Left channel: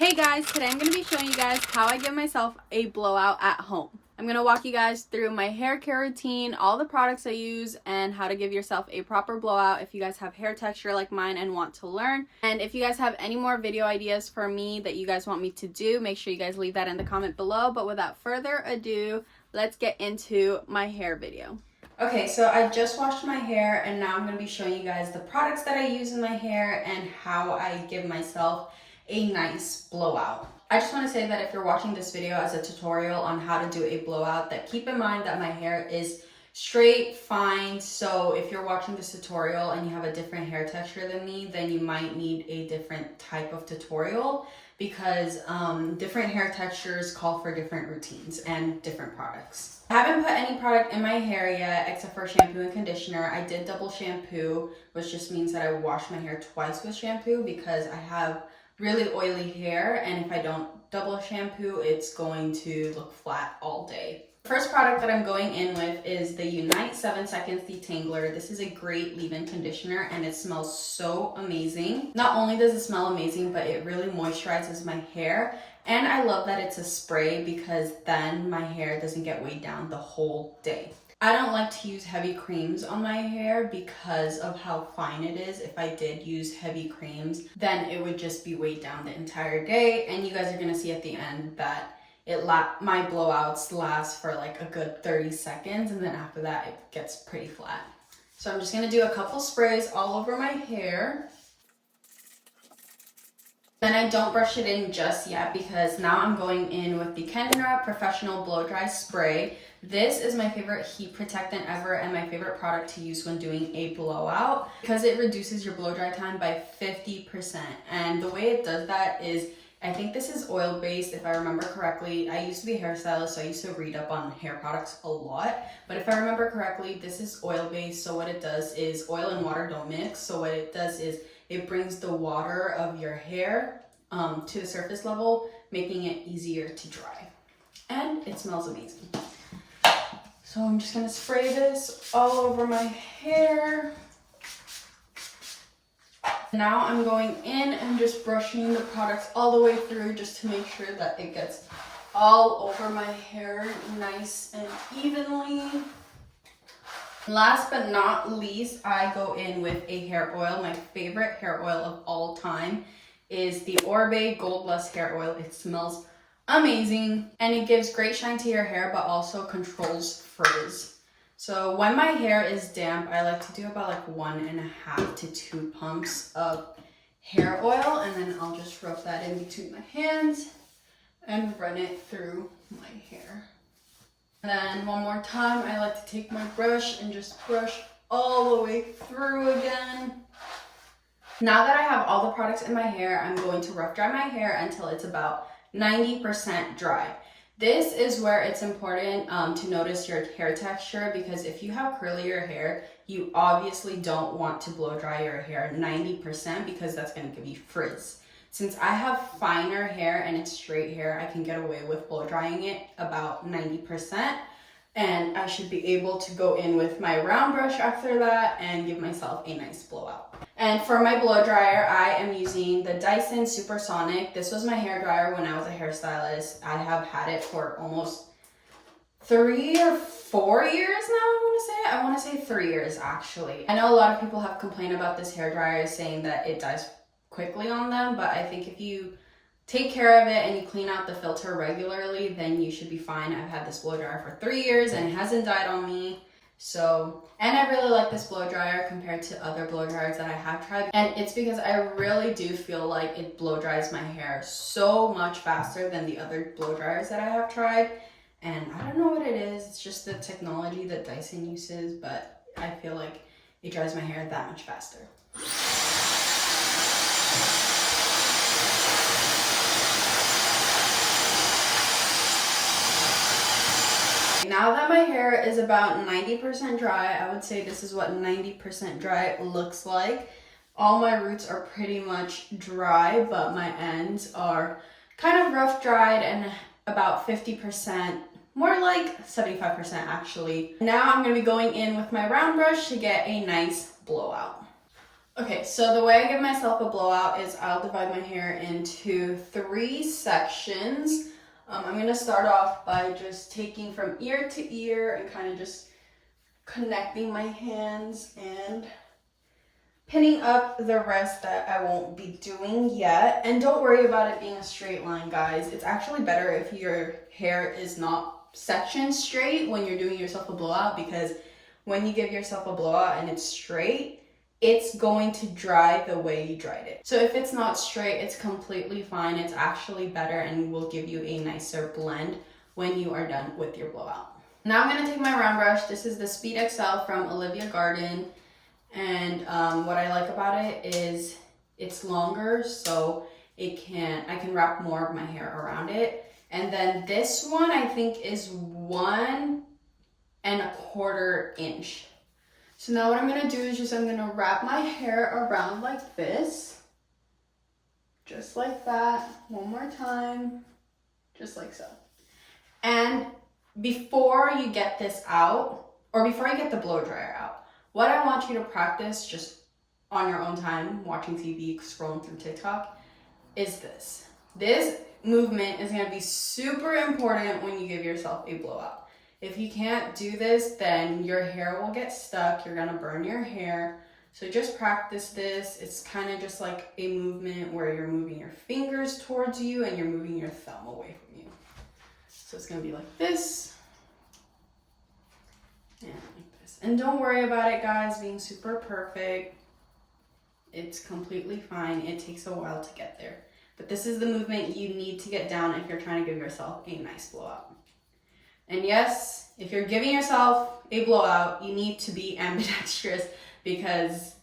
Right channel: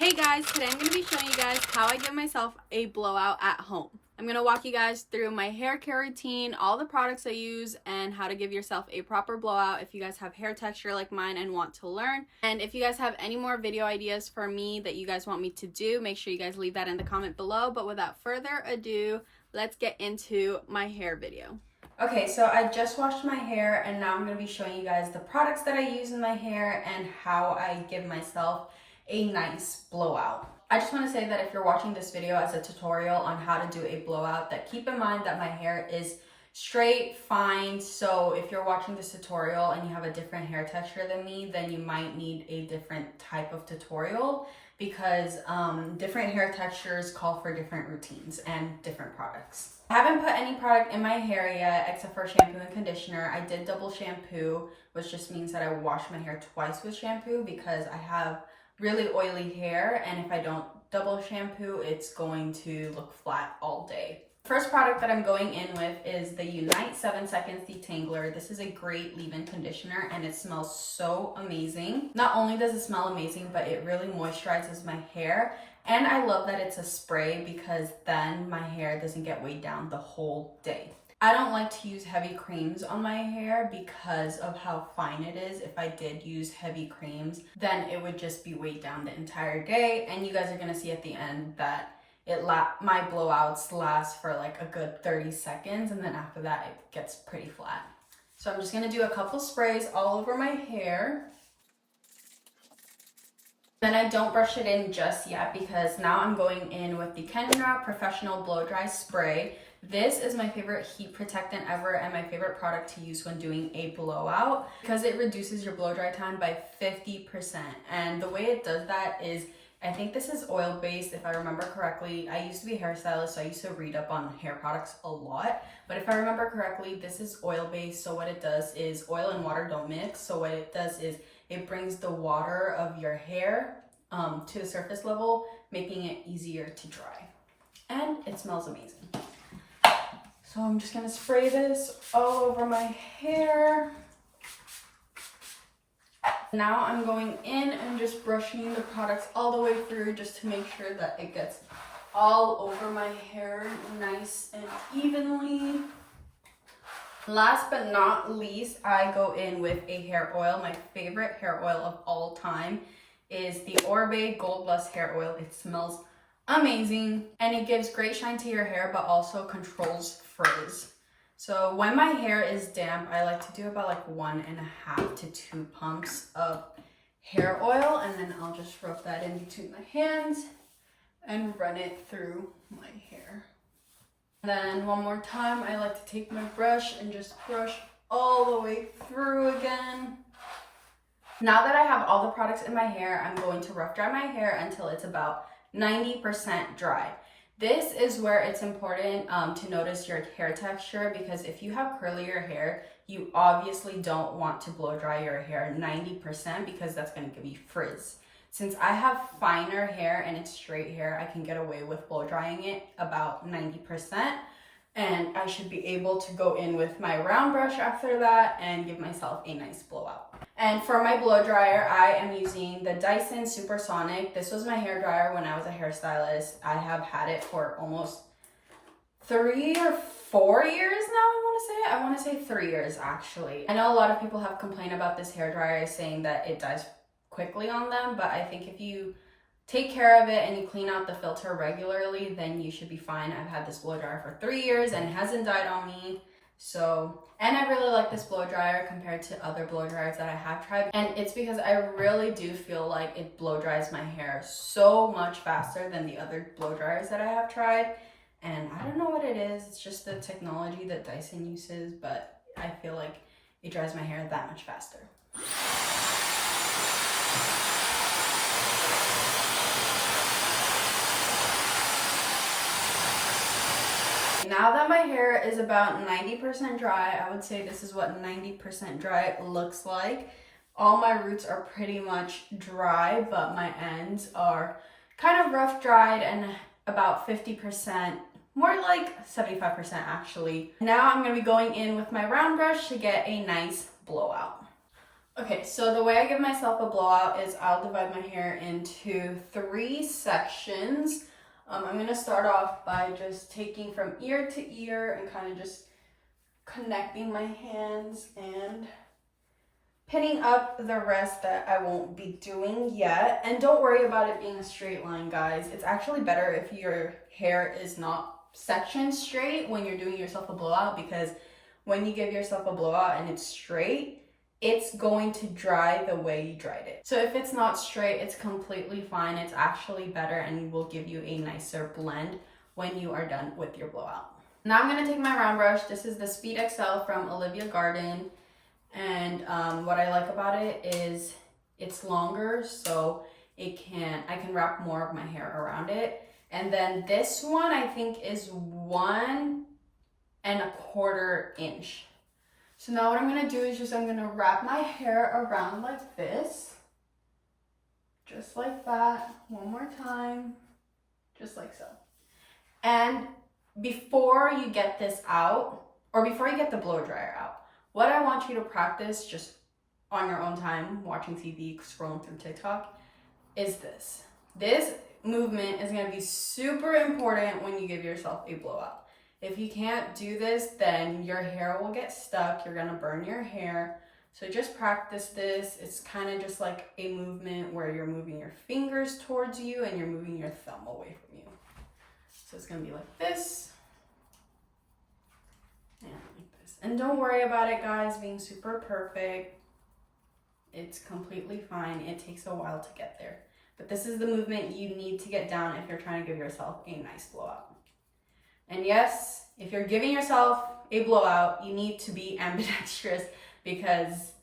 Hey guys, today I'm going to be showing you guys how I give myself a blowout at home. I'm going to walk you guys through my hair care routine, all the products I use, and how to give yourself a proper blowout if you guys have hair texture like mine and want to learn. And if you guys have any more video ideas for me that you guys want me to do, make sure you guys leave that in the comment below. But without further ado, let's get into my hair video. Okay, so I just washed my hair and now I'm going to be showing you guys the products that I use in my hair and how I give myself a nice blowout. I just want to say that if you're watching this video as a tutorial on how to do a blowout, that keep in mind that my hair is straight, fine. So if you're watching this tutorial and you have a different hair texture than me, then you might need a different type of tutorial because different hair textures call for different routines and different products. I haven't put any product in my hair yet except for shampoo and conditioner. I did double shampoo, which just means that I wash my hair twice with shampoo because I have really oily hair, and if I don't double shampoo, it's going to look flat all day. First product that I'm going in with is the Unite 7 Seconds Detangler. This is a great leave-in conditioner and it smells so amazing. Not only does it smell amazing, but it really moisturizes my hair. And I love that it's a spray because then my hair doesn't get weighed down the whole day. I don't like to use heavy creams on my hair because of how fine it is. If I did use heavy creams, then it would just be weighed down the entire day. And you guys are gonna see at the end that my blowouts last for like a good 30 seconds. And then after that, it gets pretty flat. So I'm just gonna do a couple sprays all over my hair. Then I don't brush it in just yet because now I'm going in with the Kenra Professional Blow Dry Spray. This is my favorite heat protectant ever and my favorite product to use when doing a blowout because it reduces your blow dry time by 50%. And the way it does that is, I think this is oil based if I remember correctly. I used to be a hairstylist, so I used to read up on hair products a lot. But if I remember correctly, this is oil based. So what it does is oil and water don't mix. So what it does is it brings the water of your hair to the surface level, making it easier to dry. And it smells amazing. So I'm just gonna spray this all over my hair. Now I'm going in and just brushing the products all the way through just to make sure that it gets all over my hair nice and evenly. Last but not least, I go in with a hair oil. My favorite hair oil of all time is the Orbe Gold Blust Hair Oil. It smells amazing and it gives great shine to your hair but also controls frizz. So when my hair is damp, I like to do about like 1.5 to 2 pumps of hair oil, and then I'll just rub that in between my hands and run it through my hair. Then one more time, I like to take my brush and just brush all the way through again. Now that I have all the products in my hair, I'm going to rough dry my hair until it's about 90% dry. This is where it's important to notice your hair texture because if you have curlier hair, you obviously don't want to blow dry your hair 90% because that's going to give you frizz. Since I have finer hair and it's straight hair, I can get away with blow drying it about 90%. And I should be able to go in with my round brush after that and give myself a nice blowout. And for my blow dryer, I am using the Dyson Supersonic. This was my hair dryer when I was a hairstylist. I have had it for almost 3 or 4 years now, I want to say 3 years actually. I know a lot of people have complained about this hair dryer saying that it dies quickly on them, but I think if you take care of it and you clean out the filter regularly, then you should be fine. I've had this blow dryer for 3 years and it hasn't died on me. So, and I really like this blow dryer compared to other blow dryers that I have tried. And it's because I really do feel like it blow dries my hair so much faster than the other blow dryers that I have tried. And I don't know what it is. It's just the technology that Dyson uses, but I feel like it dries my hair that much faster. Now that my hair is about 90% dry, I would say this is what 90% dry looks like. All my roots are pretty much dry, but my ends are kind of rough dried and about 50%, more like 75% actually. Now I'm going to be going in with my round brush to get a nice blowout. Okay, so the way I give myself a blowout is I'll divide my hair into 3 sections. I'm gonna start off by just taking from ear to ear and kind of just connecting my hands and pinning up the rest that I won't be doing yet. And don't worry about it being a straight line, guys. It's actually better if your hair is not sectioned straight when you're doing yourself a blowout, because when you give yourself a blowout and it's straight, it's going to dry the way you dried it. So if it's not straight, it's completely fine. It's actually better and will give you a nicer blend when you are done with your blowout. Now I'm gonna take my round brush. This is the Speed XL from Olivia Garden. And what I like about it is it's longer, so I can wrap more of my hair around it. And then this one I think is 1 1/4 inch. So now what I'm gonna do is I'm gonna wrap my hair around like this. Just like that. One more time. Just like so. And before you get this out, or before you get the blow dryer out, what I want you to practice just on your own time, watching TV, scrolling through TikTok, is this. This movement is gonna be super important when you give yourself a blowout. If you can't do this, then your hair will get stuck. You're gonna burn your hair. So just practice this. It's kind of just like a movement where you're moving your fingers towards you and you're moving your thumb away from you. So it's gonna be like this and like this. And don't worry about it, guys, being super perfect. It's completely fine. It takes a while to get there. But this is the movement you need to get down if you're trying to give yourself a nice blowout. And yes, if you're giving yourself a blowout, you need to be ambidextrous, because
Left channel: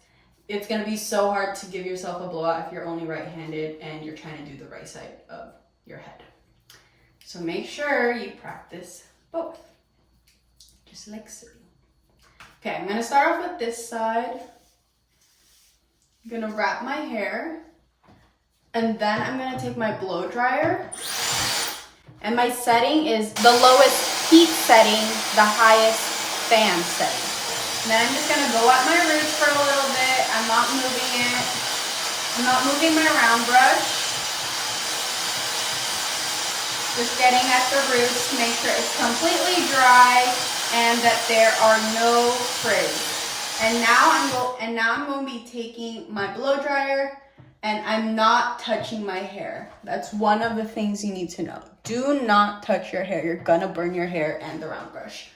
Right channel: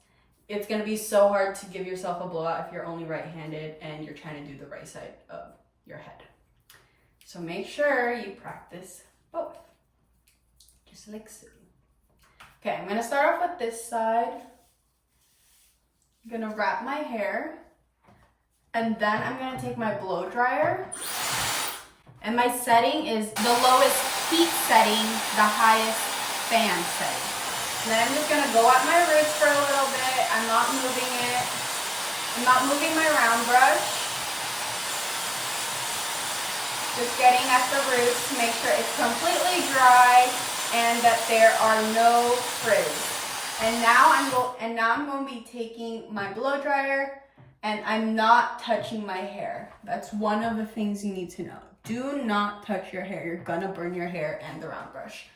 it's gonna be so hard to give yourself a blowout if you're only right-handed and you're trying to do the right side of your head. So make sure you practice both, just like so. Okay, I'm gonna start off with this side. I'm gonna wrap my hair, and then I'm gonna take my blow dryer, and my setting is the lowest heat setting, the highest fan setting. And then I'm just gonna go at my roots for a little bit. I'm not moving it. I'm not moving my round brush. Just getting at the roots to make sure it's completely dry and that there are no frizz. And now I'm going to be taking my blow dryer, and I'm not touching my hair. That's one of the things you need to know. Do not touch your hair. You're gonna burn your hair and the round brush.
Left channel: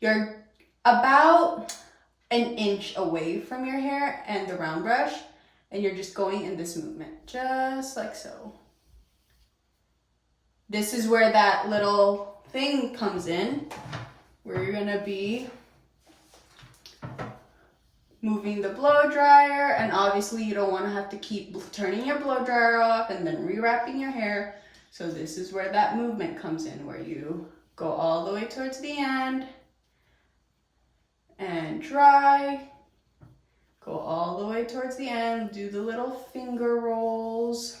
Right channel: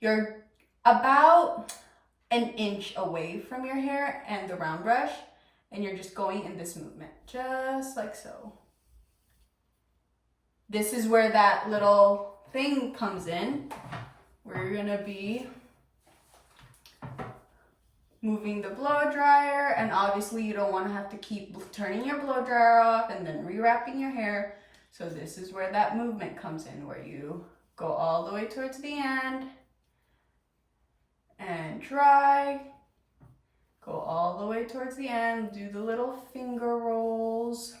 You're about 1 inch away from your hair and the round brush, and you're just going in this movement, just like so. This is where that little thing comes in, where you're gonna be moving the blow dryer, and obviously you don't want to have to keep turning your blow dryer off and then rewrapping your hair. So this is where that movement comes in, where you go all the way towards the end and dry, go all the way towards the end, do the little finger rolls,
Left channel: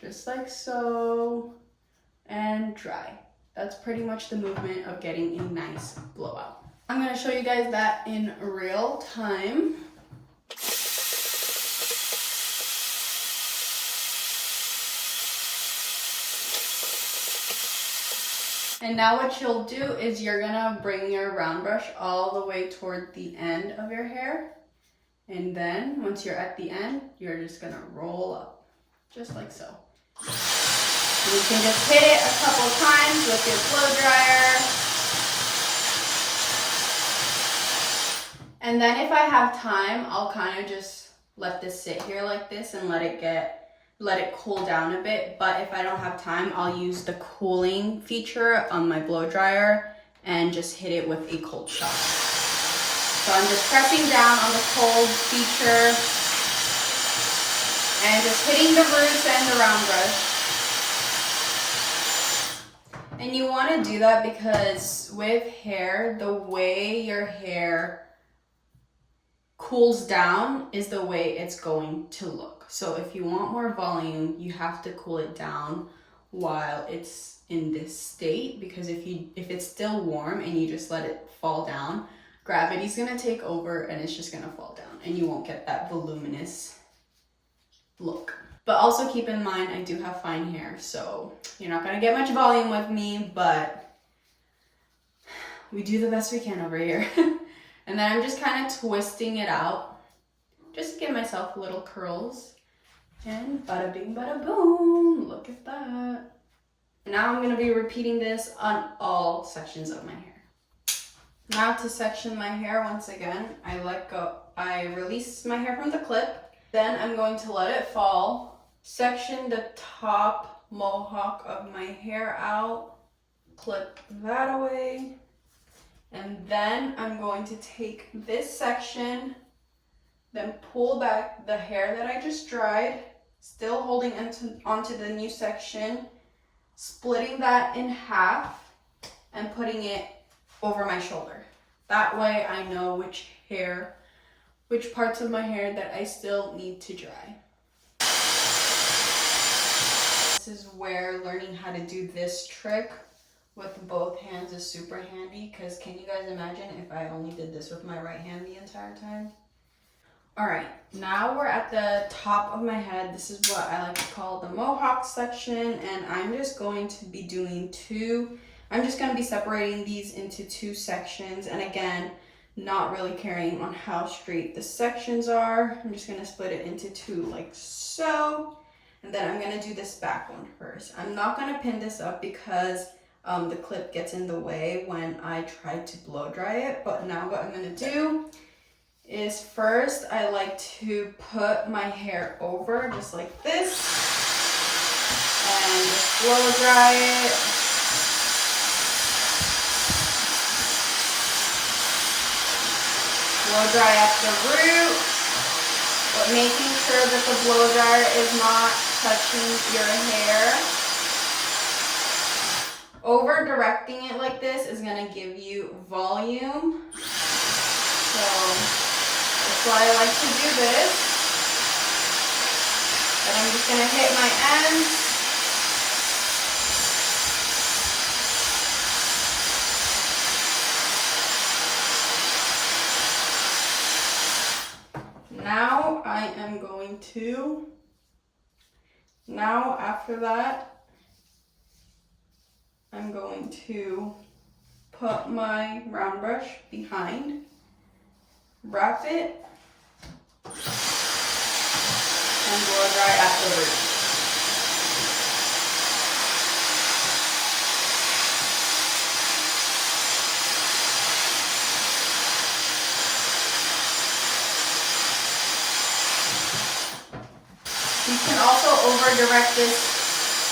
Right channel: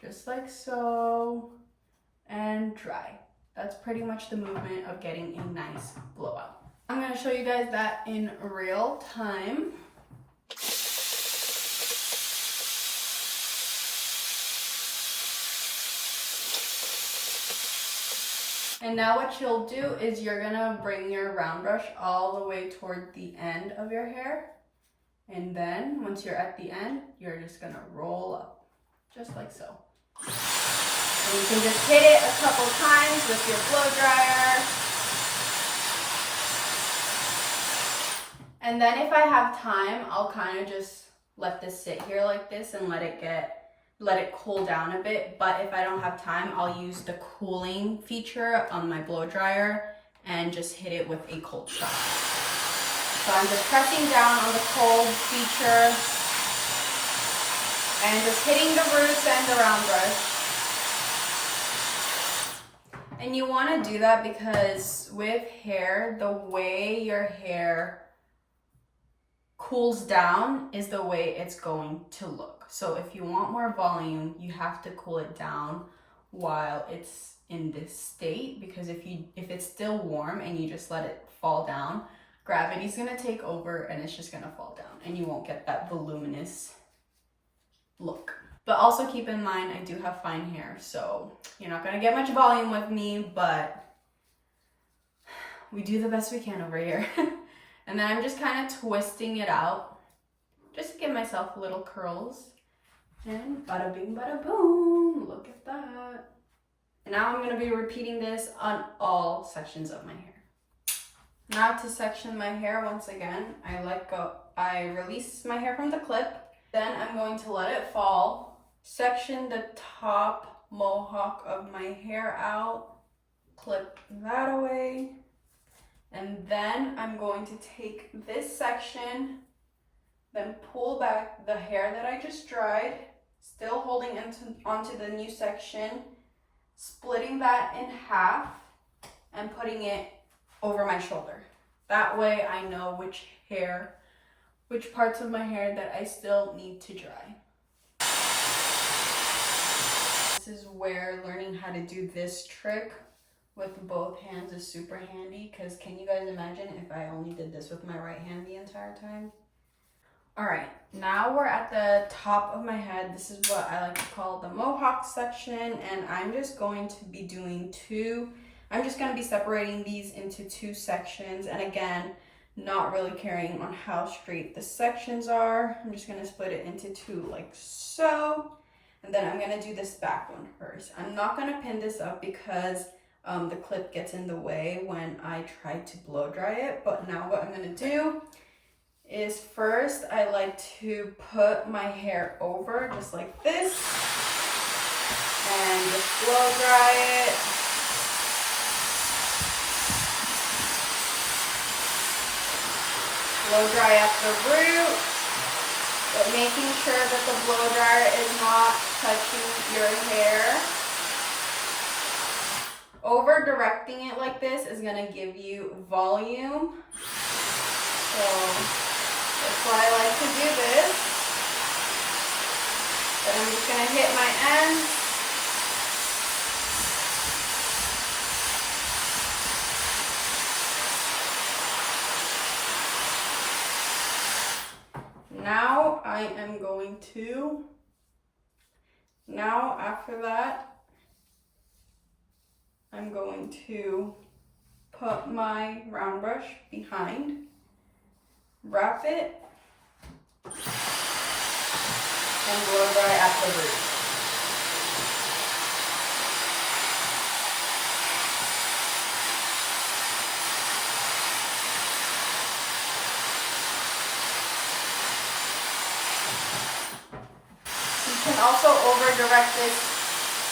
just like so, and dry. That's pretty much the movement of getting a nice blowout. I'm gonna show you guys that in real time. And now what you'll do is you're gonna bring your round brush all the way toward the end of your hair. And then once you're at the end, you're just gonna roll up, just like so. And you can just hit it a couple times with your blow dryer. And then if I have time, I'll kind of just let this sit here like this and let it cool down a bit. But if I don't have time, I'll use the cooling feature on my blow dryer and just hit it with a cold shock. So I'm just pressing down on the cold feature and just hitting the roots and the round brush. And you want to do that because with hair, the way your hair cools down is the way it's going to look. So if you want more volume, you have to cool it down while it's in this state, because if it's still warm and you just let it fall down, gravity's gonna take over and it's just gonna fall down and you won't get that voluminous look. But also keep in mind, I do have fine hair, so you're not gonna get much volume with me, but we do the best we can over here. And then I'm just kind of twisting it out, just to give myself little curls. And bada bing, bada boom, look at that. Now I'm gonna be repeating this on all sections of my hair. Now to section my hair, once again, I release my hair from the clip, then I'm going to let it fall, section the top mohawk of my hair out, clip that away, and then I'm going to take this section, then pull back the hair that I just dried, still holding onto the new section, splitting that in half and putting it over my shoulder. That way I know which parts of my hair that I still need to dry. This is where learning how to do this trick with both hands is super handy, because can you guys imagine if I only did this with my right hand the entire time? All right, now we're at the top of my head. This is what I like to call the mohawk section, and I'm just going to be doing I'm just going to be separating these into two sections, and again, not really caring on how straight the sections are. I'm just going to split it into two like so, and then I'm going to do this back one first. I'm not going to pin this up because the clip gets in the way when I try to blow dry it, but now what I'm going to do is first I like to put my hair over just like this and just blow dry it. Blow dry at the root, but making sure that the blow dryer is not touching your hair. Over directing it like this is going to give you volume. So that's why I like to do this. And I'm just going to hit my ends. Now I am going to, after that, I'm going to put my round brush behind, wrap it, and blow dry at the root. You can also over-direct this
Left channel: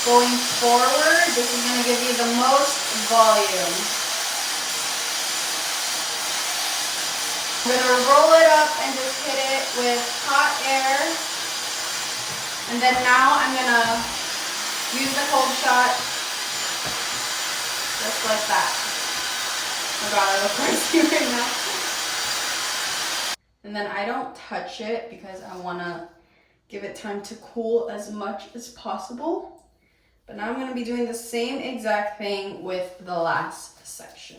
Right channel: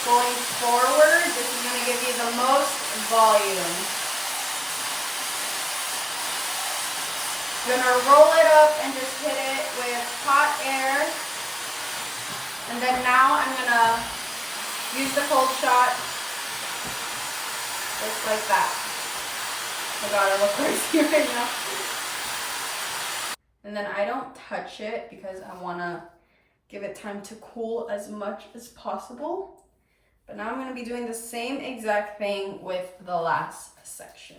going forward. This is going to give you the most volume. I'm going to roll it up and just hit it with hot air. And then now I'm going to use the cold shot just like that. Oh my god, I look crazy right now. And then I don't touch it because I want to give it time to cool as much as possible. But now I'm going to be doing the same exact thing with the last section.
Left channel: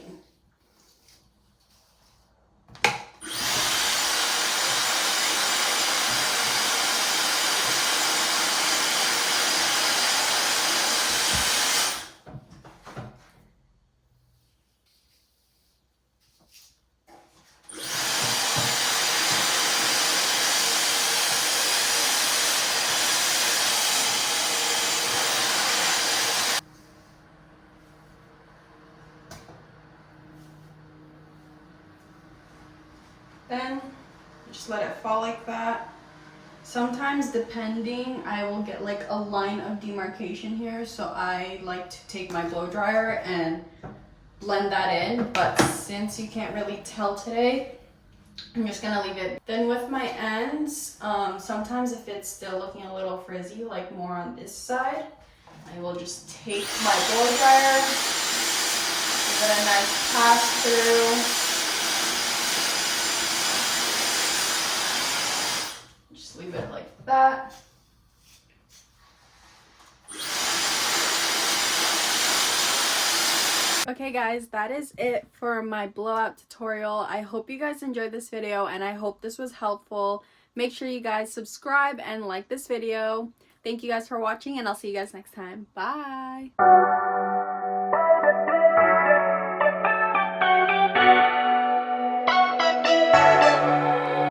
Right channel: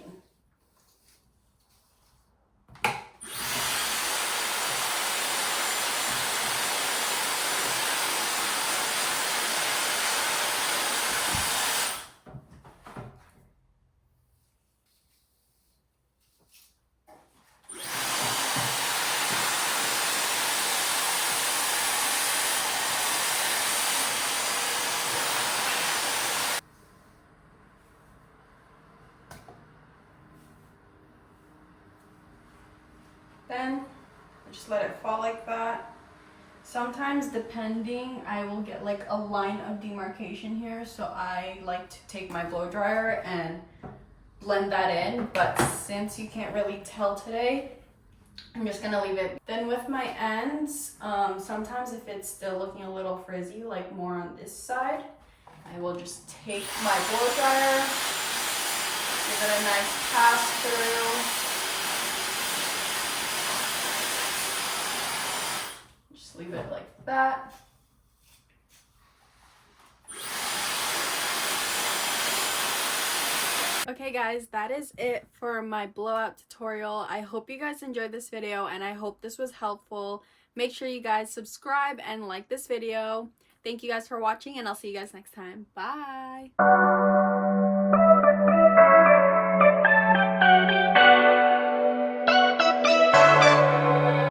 Then just let it fall like that. Sometimes, depending, I will get like a line of demarcation here, so I like to take my blow dryer and blend that in, but since you can't really tell today, I'm just gonna leave it. Then with my ends, sometimes if it's still looking a little frizzy, like more on this side, I will just take my blow dryer, give it a nice pass through. Leave it like that. Okay guys, that is it for my blowout tutorial. I hope you guys enjoyed this video and I hope this was helpful. Make sure you guys subscribe and like this video. Thank you guys for watching and I'll see you guys next time. Bye!